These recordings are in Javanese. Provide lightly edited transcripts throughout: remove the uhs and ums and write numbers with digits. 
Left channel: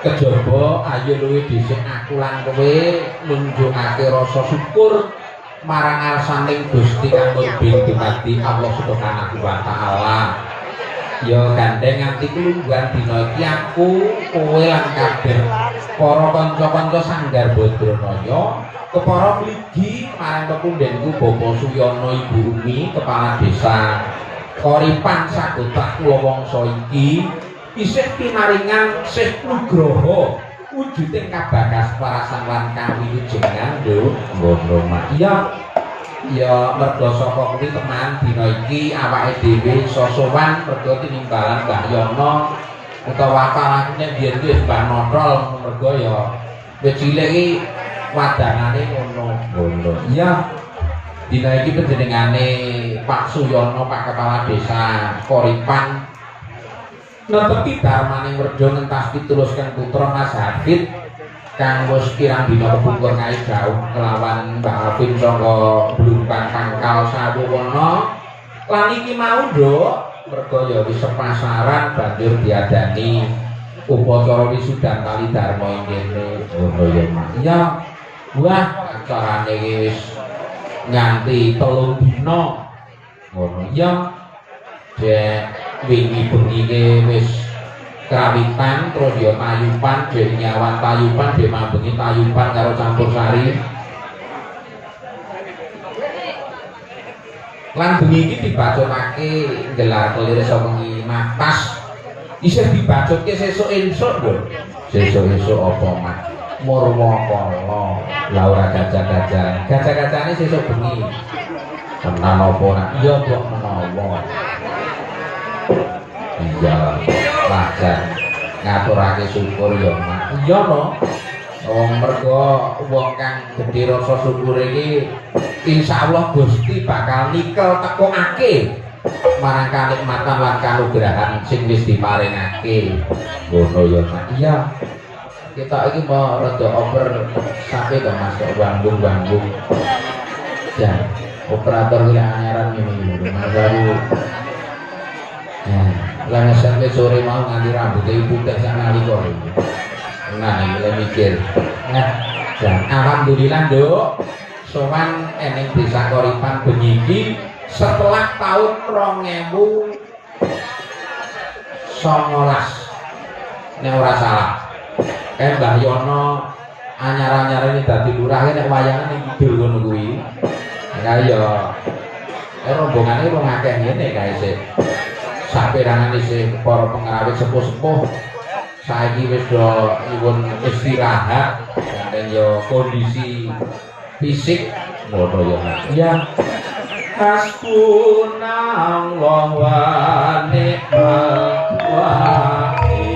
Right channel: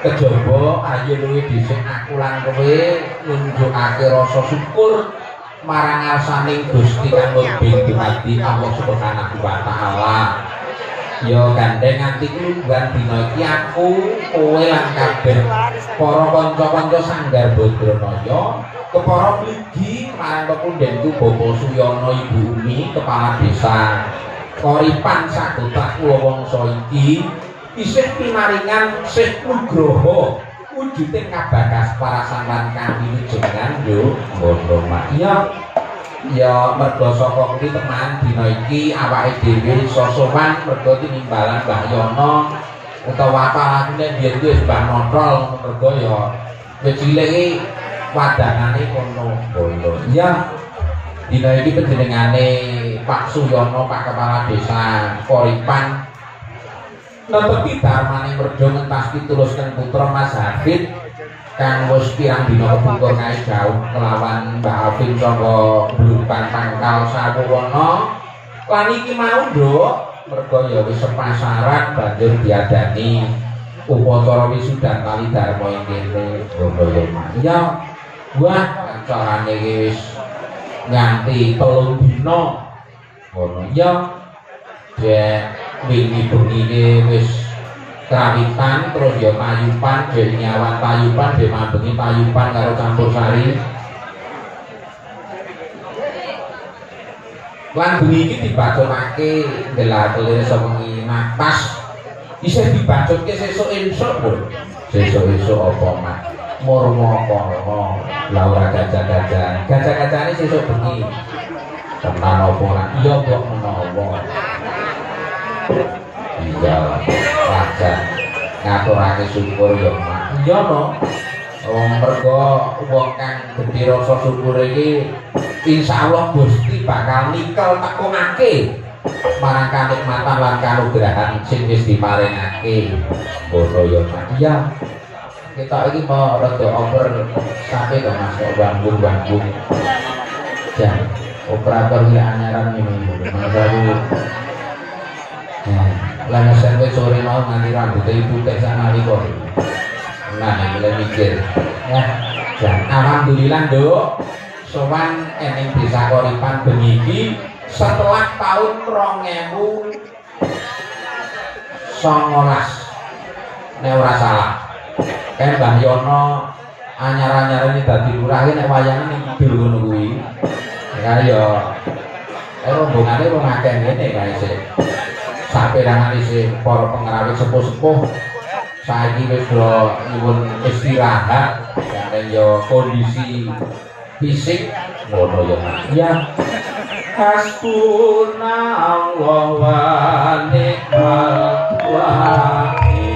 Kejaba ayo luwih dhisik aku lan kowe nunjukake rasa syukur marang ngarsaning Gusti kang nurbing dumadi Allah Subhanahu wa taala. Ya gandeng atiku lungguhan dina iki aku kowe lan kabeh para kanca-kanca Sanggar Badranaya, kepara mligi marang pepundhenku Bapak Suyono Ibu Umi kepala desa Koripan sagota wongso iki isih pinaringan Syekh Nugroho wujuding kabagas parasan lan kang wilujengan lho ngono mak iya ya mergo saka kuwi teman dina iki awake dhewe sosowan mergo tinimbalan Mbah Yono utawa kanakune biyen kuwi wis Mbah Notol mergo ya wis cilik iki wadanane ngono iya dina iki panjenengane Pak Suyono Pak Kepala Desa Koripan netepi darmaning werda ngentas pitulusken putra Mas Hafid kang wis kirang dina kepungkur kae jauh kelawan Mbak Alvin saka Blumpang Tangkal Sawurana lan iki mau nduk merga ya wis sepasaran banjur diadani upacara wisudan kali dharma ing kene ngono ya wah carane iki wis nganti 3 dina ngono ya wingi bengi wis kawitan terus ya payupan dek nyawan payupan dek mambengi payupan karo campur sari lan bengi iki dibacokake gelar kelire saka wengi matas isih dibacokke sesuk esuk lho sesuk apa mak murwa kono la ora gajah-gajahane sesuk bengi tenan apa ora iya kok menawa iya lajar ngaturake syukur ya mak iya no mergo wong kang gedhe rasa syukur iki insyaallah Gusti bakal nikel tekokake marang kanikmatan lan kanugrahan sing wis diparingake ngono ya mak iya kita iki mau rada over sampai kok Mas kok ganggung jan operator wilayah anyaran ini Mas Ayu lan sampai sore mau nganti rambutnya ibu tek sana liko nah mulai mikir dan alhamdulillah nduk sowan eneng Desa Koripan bengi iki setelah tahun 2019 nek ora salah kan Mbah Yono anyar-anyar ini dadi lurah nek wayangan ning kidul ngono kuwi ya rombongane rong akeh ngene kae sik saperangan isi para pengrawit sepuh-sepuh saiki wis do nyuwun istirahat dan yo kondisi fisik ngono ya ya hasbunallahu wa ni'mal wakil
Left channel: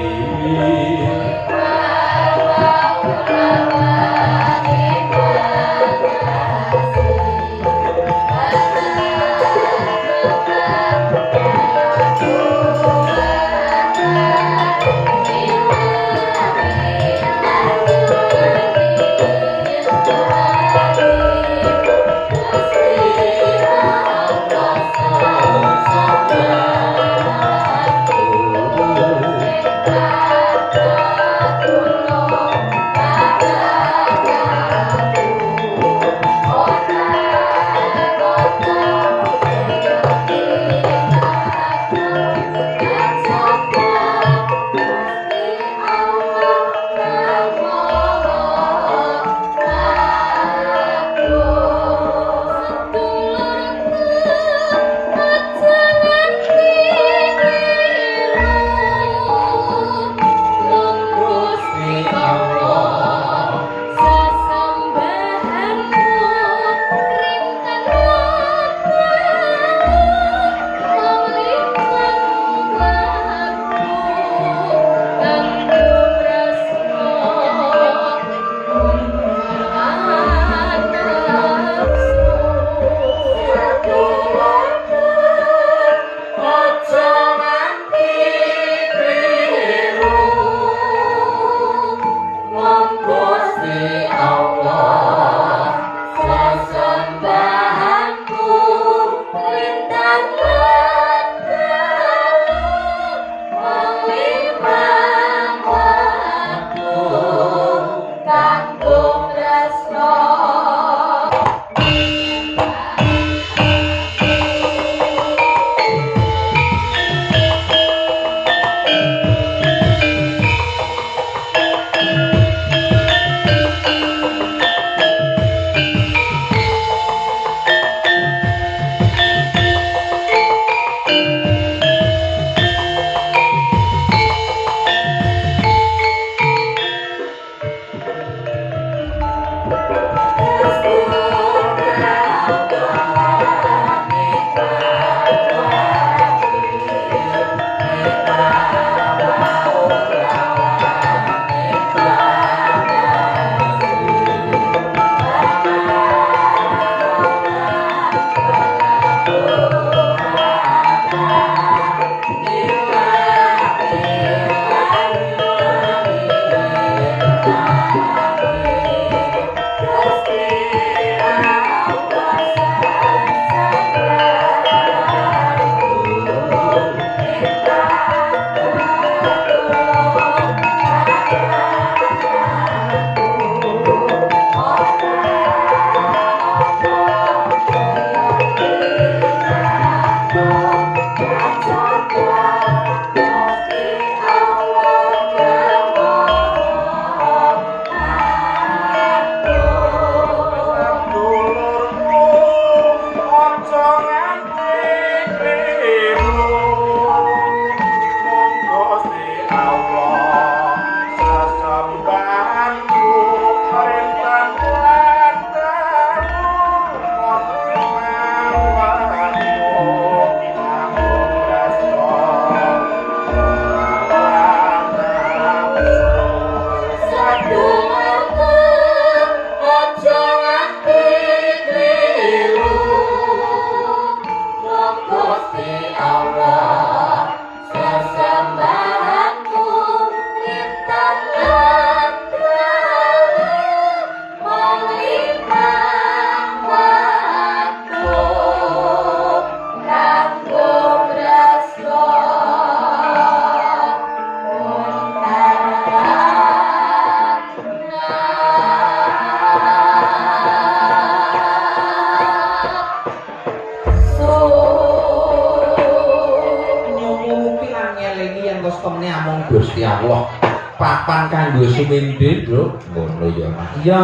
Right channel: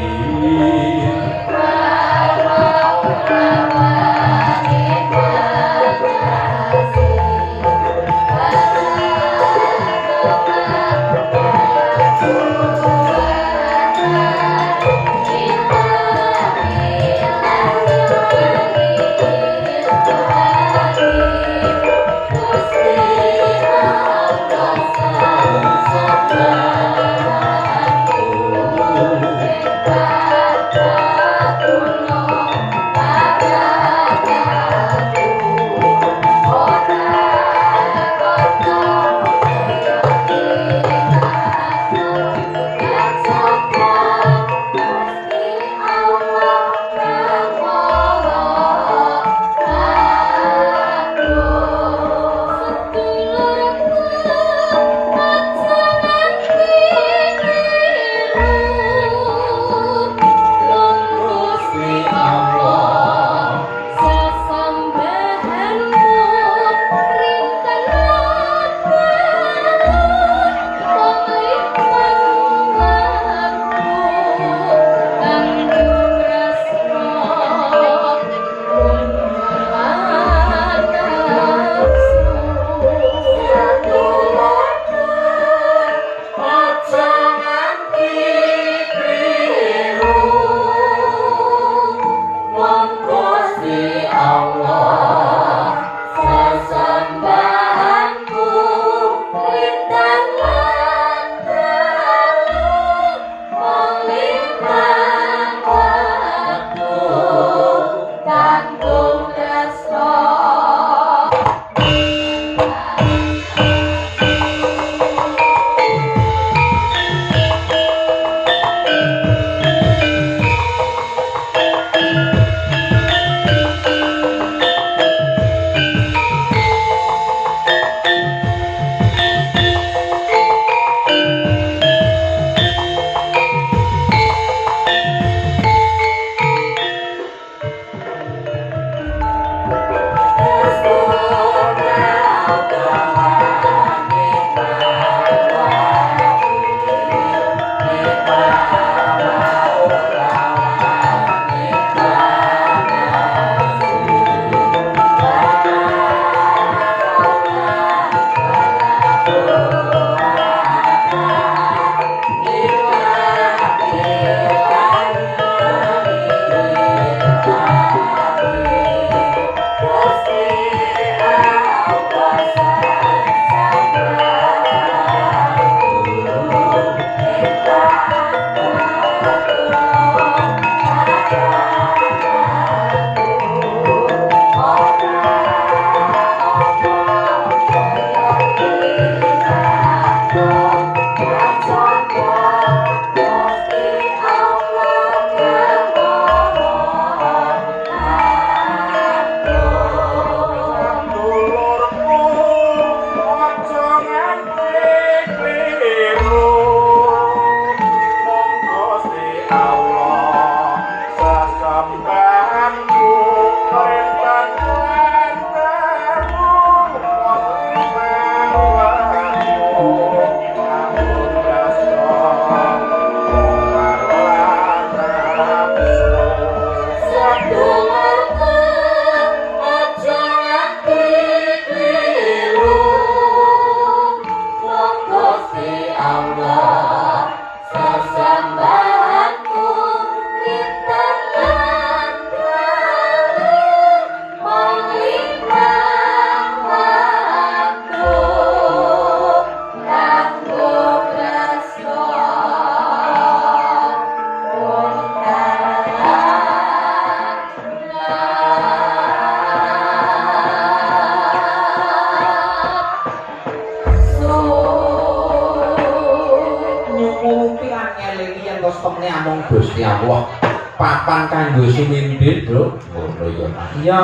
temne amung Gusti Allah. Papan kanggo sumindhe, Bro. Ngono ya. Iya.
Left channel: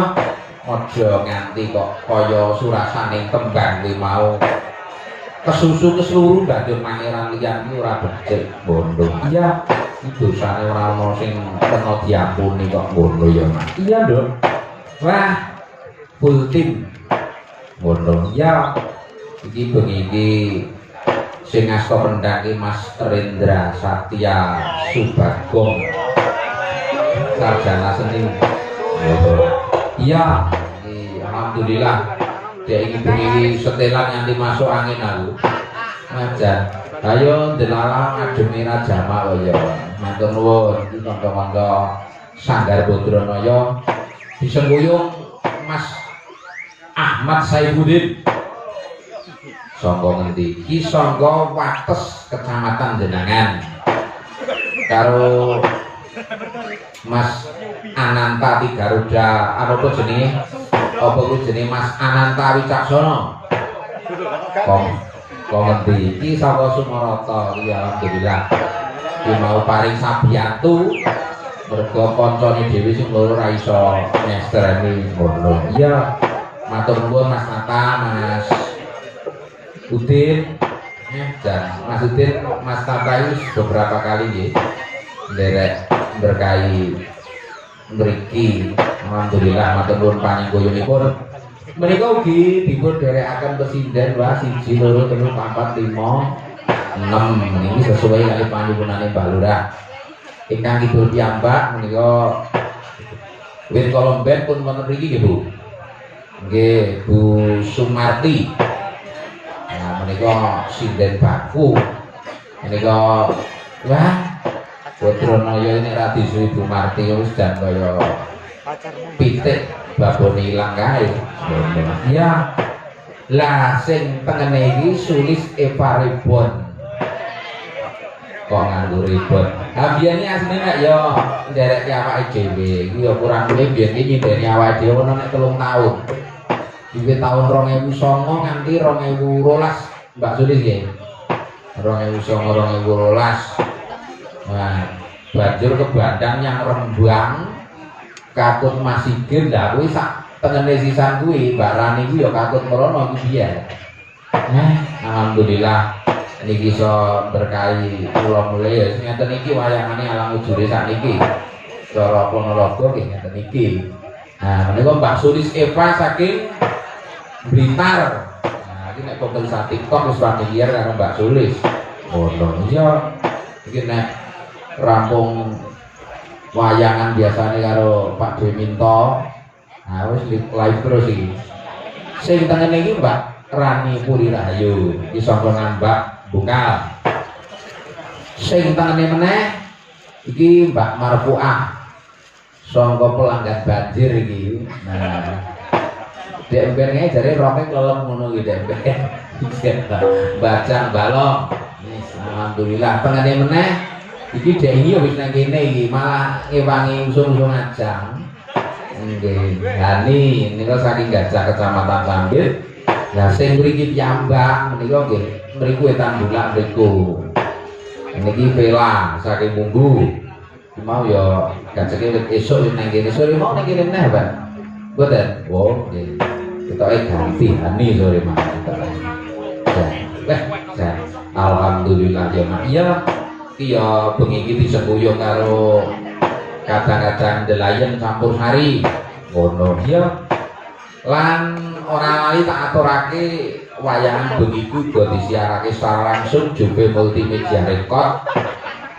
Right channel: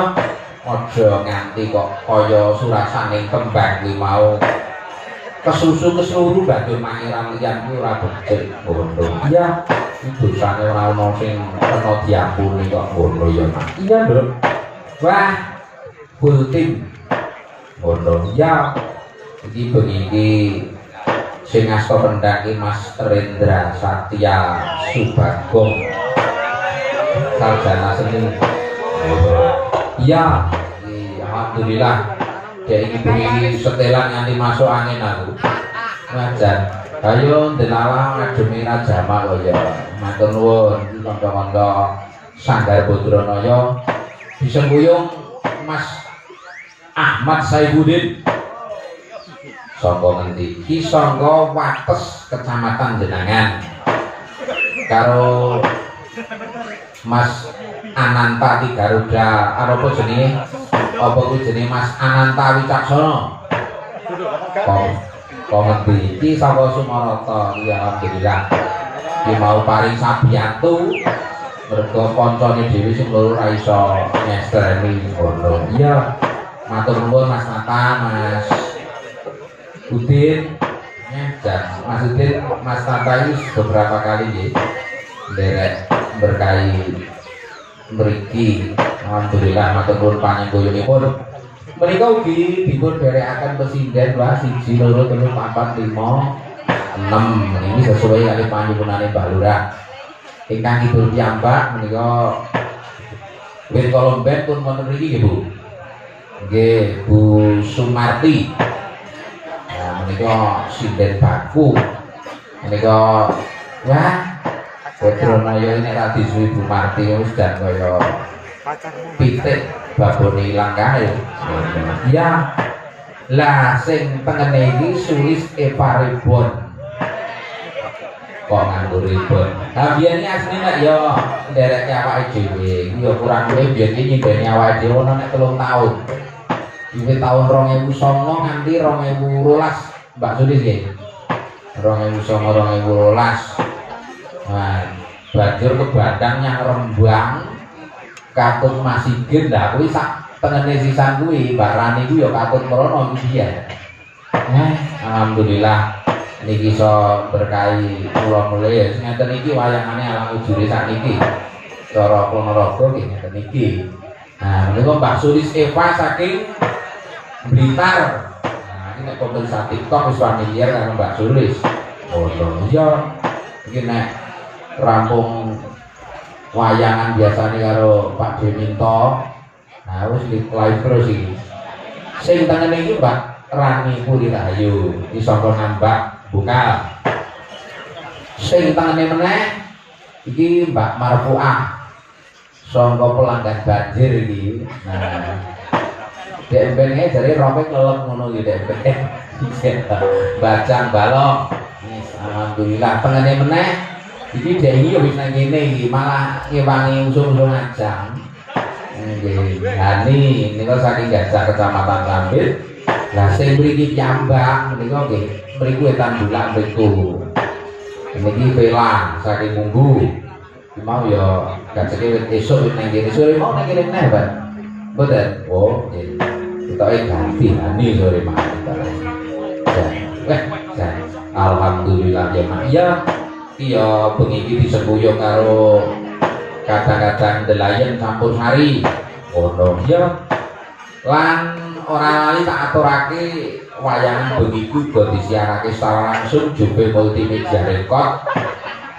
Aja nganti kok kaya surasaning kembang kuwi mau kesusu keseluruh bagian pangeran liyan ku ora becik. Ngono. Iya. Dosane ora ono sing kena diampuni kok ngono ya. Iya, Nduk. Wah, full tim. Ngono. Iya. Iki bengi iki sing asta rendhake Mas Rendra Satya Subagong. Sarjana seni. Iya, alhamdulillah. Dek iki bengi setelan nganti masuk angin aku. Ngajar. Ayo delala ngademi Rajama kaya. Matur nuwun tangga-tangga Sanggar Badranaya disengkuyung Mas Ahmad Saifuddin. Sangga ngendi? Ki sangga Wates Kecamatan Jenangan. Karo Mas Ananta Ti Garuda apa jenenge? Apa kuwi jenenge Mas Ananta Wicaksono? Kok ngerti? Iki saka Sumarata, ya alhamdulillah. Ki mau paring sabiyantu mergo kancane dhewe sing loro ra iso nyestreni ngono. Iya. Matur nuwun Mas Nata, Mas Udin, dan Mas Udin, Mas Nata beberapa kali nggih nderek berkahi mriki. Alhamdulillah matur nuwun panjenenganipun. Menika ugi dipun derekaken pesinden Pak 1 2 3 4 5 6 meniki sesuai kali panjenengane Mbah Lurah. Ingkang kidul piyambak menika wit kolomben pun wonten mriki nggih Bu. Nggih Bu Sumarti. Nah menika sinden baku. Menika wah Badranaya ini ra disuwi Bu Marti wis dan kaya pitik babone ilang kae. Ya. Lah sing tengene iki sulis Eva Ribbon. Kok nganggo ribbon. Ha biyen iki asline nek ya nderek awake dhewe. Iku ya kurang luwih biyen iki nyindeni awake dhewe ono nek 3 tahun. Iki tahun 2009 nganti 2012 Mbak Sulis nggih. 2009 2012. Nah, banjur ke Badang yang Rembang katut masih gendha kuwi sak tengene sisan kuwi Mbak Rani kuwi ya katut merono iki ya. Alhamdulillah niki iso berkahi kula mulih ngeten iki wayangane alang ujure sakniki. Cara Ponorogo nggih ngeten iki. Nah, menika Mbak Sulis Eva saking Blitar. Nah, iki nek konten TikTok wis familiar karo Mbak Sulis. Oh, iya. Iki nek rampung wayangan biasanya karo Pak Deminto. Nah wis live terus iki. Sing tengene iki Mbak Rani Purirahayu, iki saka Ngambak Bungkal. Sing tengene meneh iki Mbak Marfuah saka Pelanggan Banjir iki. Nah dek mbene jare roke kelelep ngono iki dek. Bacang balong. Alhamdulillah tengene meneh iki dek iki wis nang kene iki malah ngewangi usum-usum ajang. Nggih. Lah niku saking Gajah Kecamatan Sambit. Lah sing mriki piyambak menika nggih mriku Wetan Bulan mriku. Niki Vela saking Munggu. Iki mau ya gajeke wit esuk wis nang kene sore mau nang kene meneh, Pak. Mboten. Oh, nggih. Ketoke ganti ani sore mawon. Alhamdulillah ya Mak. Iya. Iya bengi iki disembuyung karo kadang-kadang delayan campur sari. Ngono ya. Lan ora lali tak aturake wayangan bengi iku uga disiarake secara langsung Jobe Multimedia Record.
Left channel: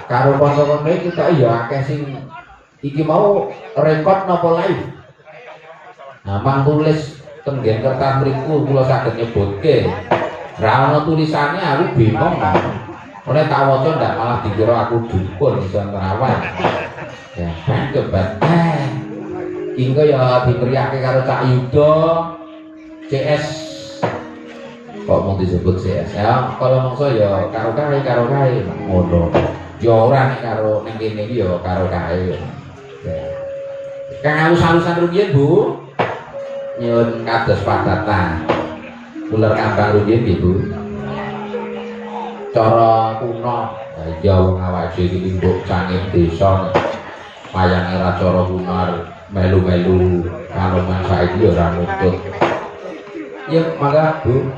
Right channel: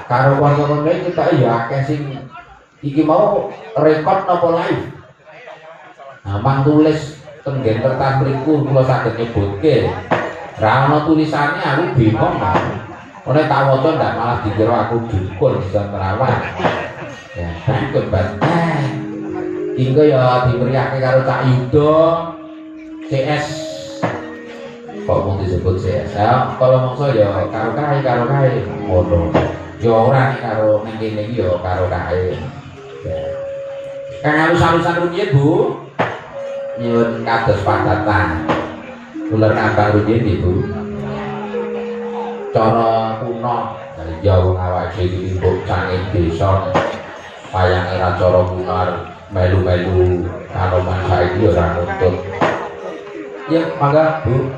Karo kanca-kanca kita ya akeh sing iki mau record napa live. Nah, mang tulis tenggen kertas mriku kula saged nyebutke. Ra ono tulisane aku bingung. Ora tak waca ndak malah dikira aku dukun iso nerawan. Ya, kebat. Ingko ya dimeriake karo Cak Yudo CS. Kok mau disebut CS? Ya, kalau mongso ya karo kae. Ngono. Ya ora nek karo ning kene iki ya karo kae. Kang alus-alusan rumiyin, Bu. Nyuwun kados padatan. Kula ngambang rumiyin nggih, Bu. cara kuno ya wong awake iki mbok canging desa payange ra cara kunar melu-melu kalongan saiki ora nuntut ya mangga Bu.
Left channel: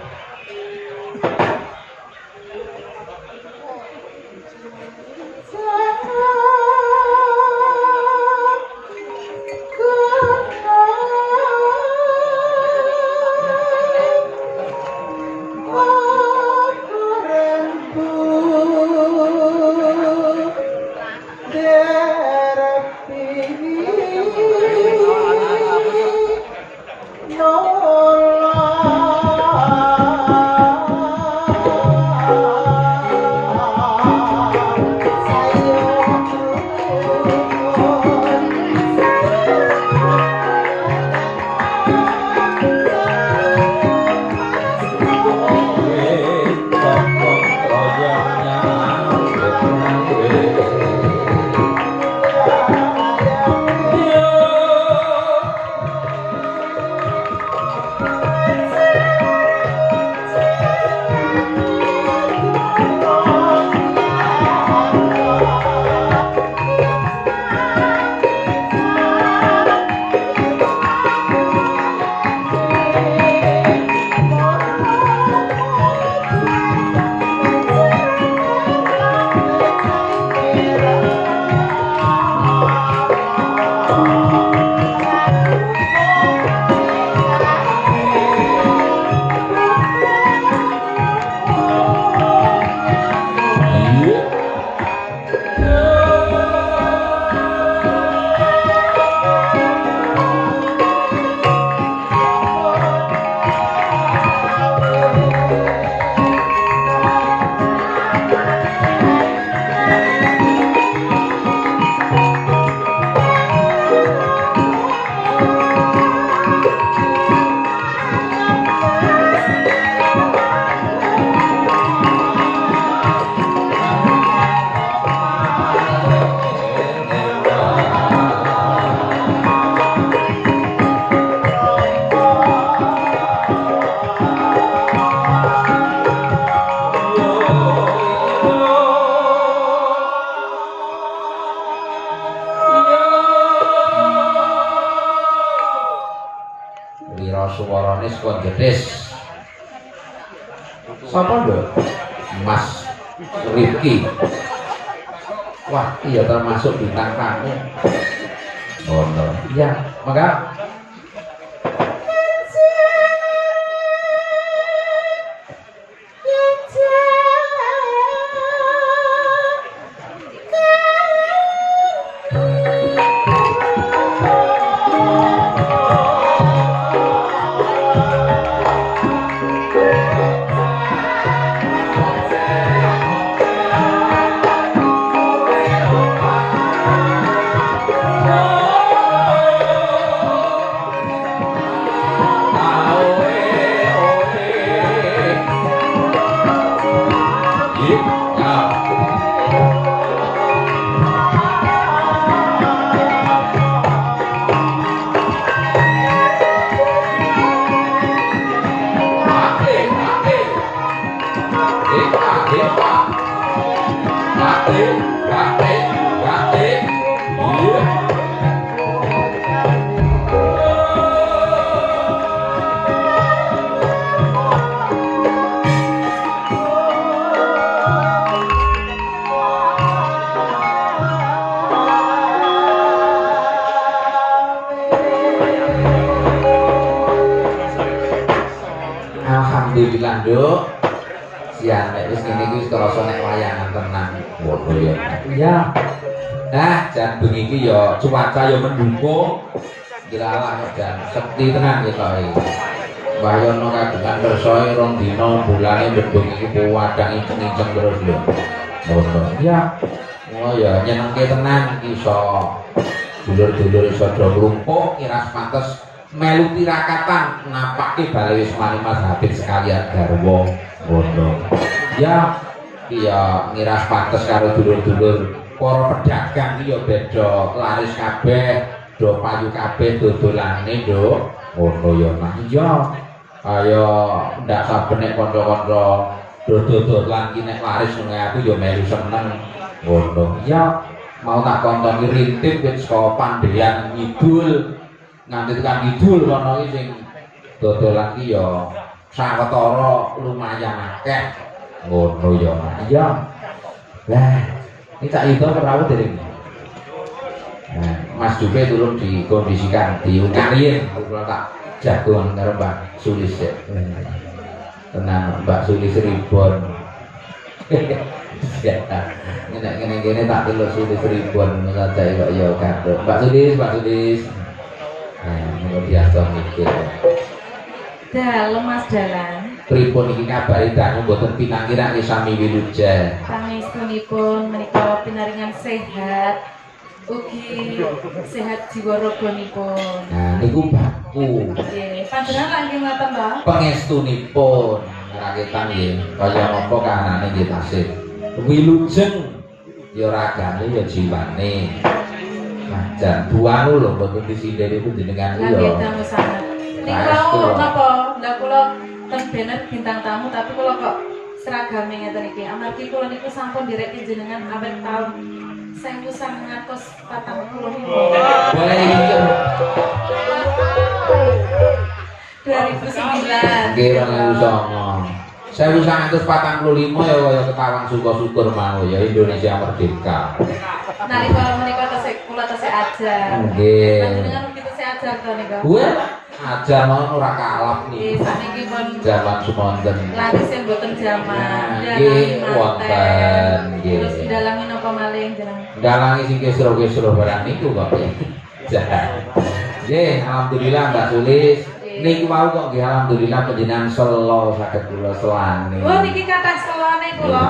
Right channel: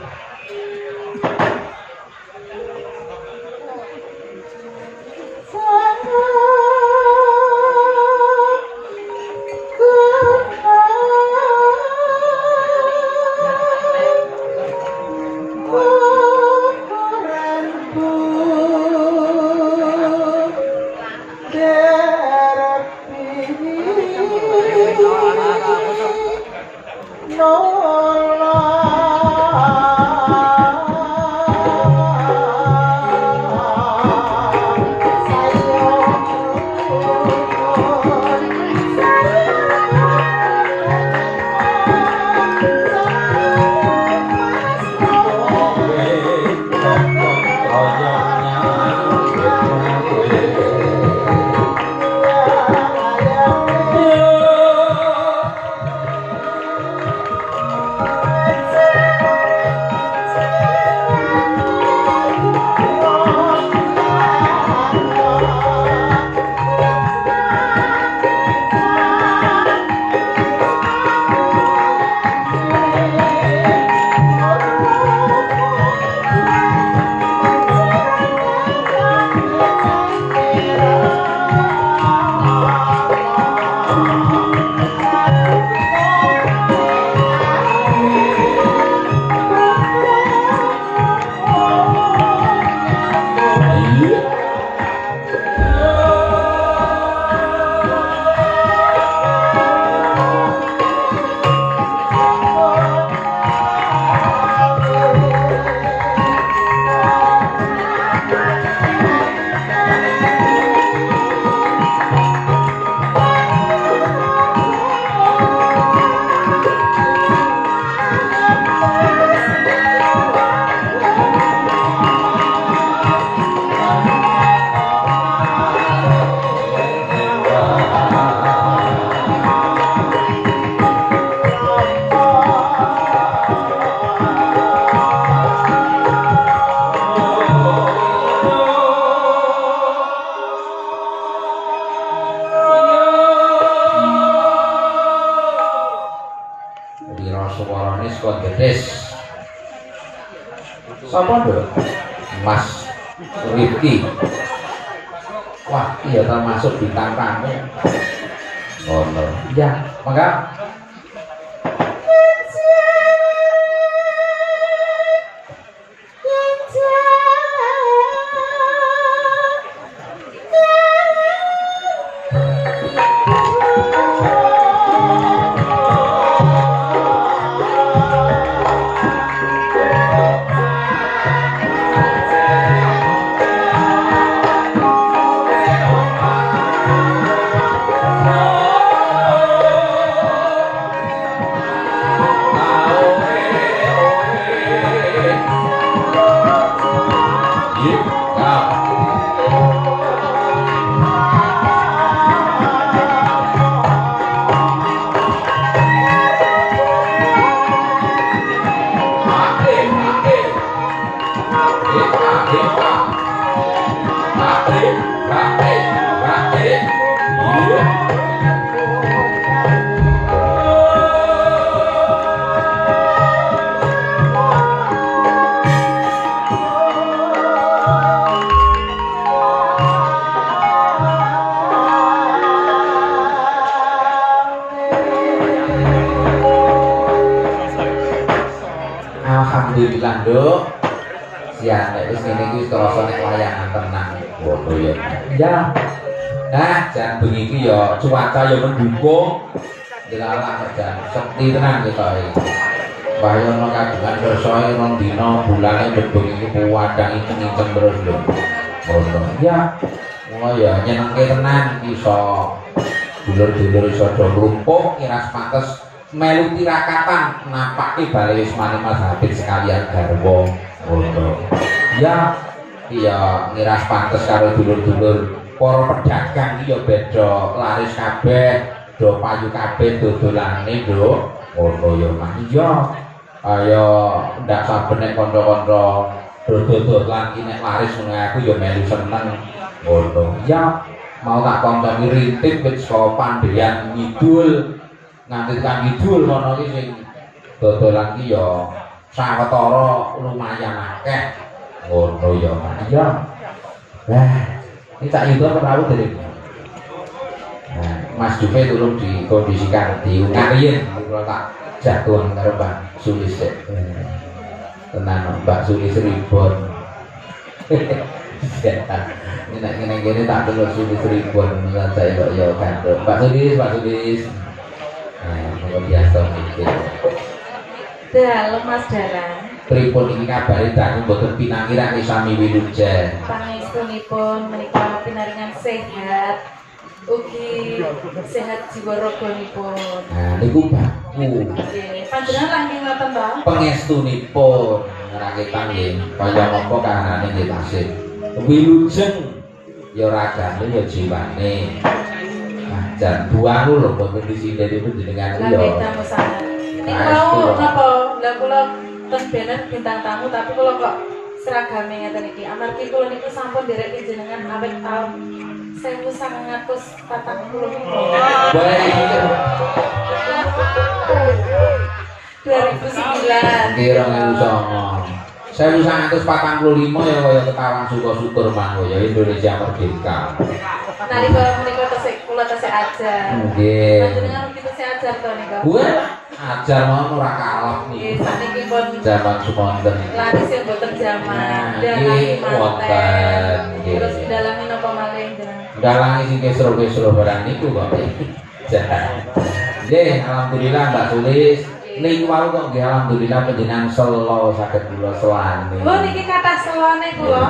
Sapa lho? Mas Rifki. Wah, iya termasuk bintang tamu. Oh, no. Iya, maka alhamdulillah nduk siang nek wis ngene iki wis krasa nek wayangan tenang ngono ya. Iya. Nah, jan bengi iki ya cuaca ya mendukung. Dilalah jan sekti tenan ya to iki. Bayono kagungan bersoe rong dina bulane bengi iki wadang kenceng terus lho. Ngono. Iya. Oh ya nyenengke tenan iso dulur-dulur iso do ngrumpuk iras pates melu tirakatan napake bale wis mari Mas Habib sekalian garwa ngono. Ya iya ngiras pates karo dulur-dulur para pedagang iki ya beda laris kabeh do payu kabeh dodolane nduk ngono ya Mas. Iya ayo ndak saben nek kanca-kanca dodolan iki nek laris nang aku ya melu seneng ngono ya mau tak konconi rintip wis saka Pandhean Ngidul nganti tekan Kidul kono iki sing dodolan iki ya sawetara lumayan akeh ngono ya Mas ya lah ini tak yudo perahu dari nah, Mas Jupe turun dikondisikan di Ungayen kalau tak jatuh karo Mbak Sulis tenang Mbak Sulis Ribon ini tak telur Sulis Ribon saja ya kan Mbak Sulis nah biasa mikir dalam Mas Dalang pripun iki kabare dangu mboten pinangiran sami wilujen pangestunipun menika pinaringan sehat ugi sehat jiwa raganipun. Nah niku baku. Nggih, panjenengan langkung ngoten to? Pangestunipun raketan nggih kaya mongko kahanane nggih tasih. Wilujeng ya ragane ya jiwane. Jan buang lho mboten disindheni panjenengan Lah nggih ya. tamu sangat. Niku napa? Lah kula ten bener bintang tamu tapi kula kok seragame ngeten iki. Amargi kula niku sampun nderek jenengan awet taun 1945. Baik. 2009. Nggih 2009. 1945 ya kaya Kekarang Syukur mangko ya Indonesia merdeka. Nalika menika tesih kula tesih ajar. Nggih. Panjenengan ugi tesih ajar to nika. Wah, ajar mau ora kalah Nggih, nih. saniki pun Zaman sumonten. laris yang boten jaman. Nggih, wonten. Nggih. Terus dalami napa malih jenengan? Galangi sing kesro-kesro barang niku kok. Nggih, alhamdulillah Mbak Sulis. Niki wau kok nggih alhamdulillah panjenengan selo saged kula selane. Oh niki kathah selone kula.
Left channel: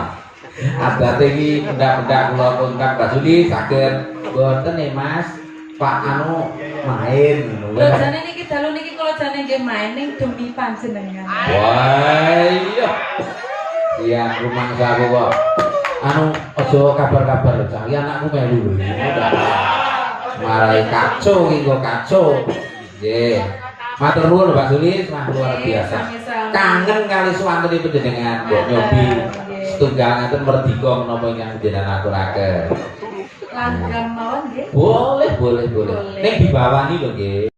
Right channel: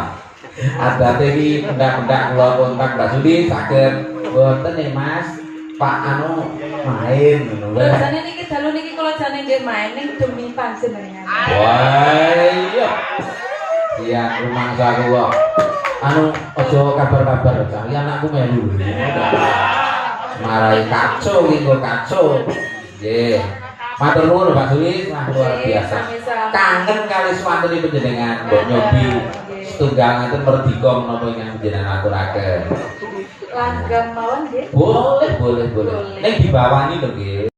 Adate iki ndak kula kontak Mbak Sulis saged wonten ya Mas. Pak anu main ngono Lho lho. jane niki dalu niki kula jane nggih main ning demi panjenengan. Wah, iya. Iya, rumah saya kok. Anu aja kabar-kabar saya anakku melu. Marai kacau iki kok kacau. Nggih. Matur nuwun Mbak Sulis, nah luar biasa. Kangen kali suwantune panjenengan mbok nyobi setunggal ngaten merdika menapa ingkang panjenengan aturaken. Langgam mawon nggih. Boleh. Ning dibawangi lho nggih.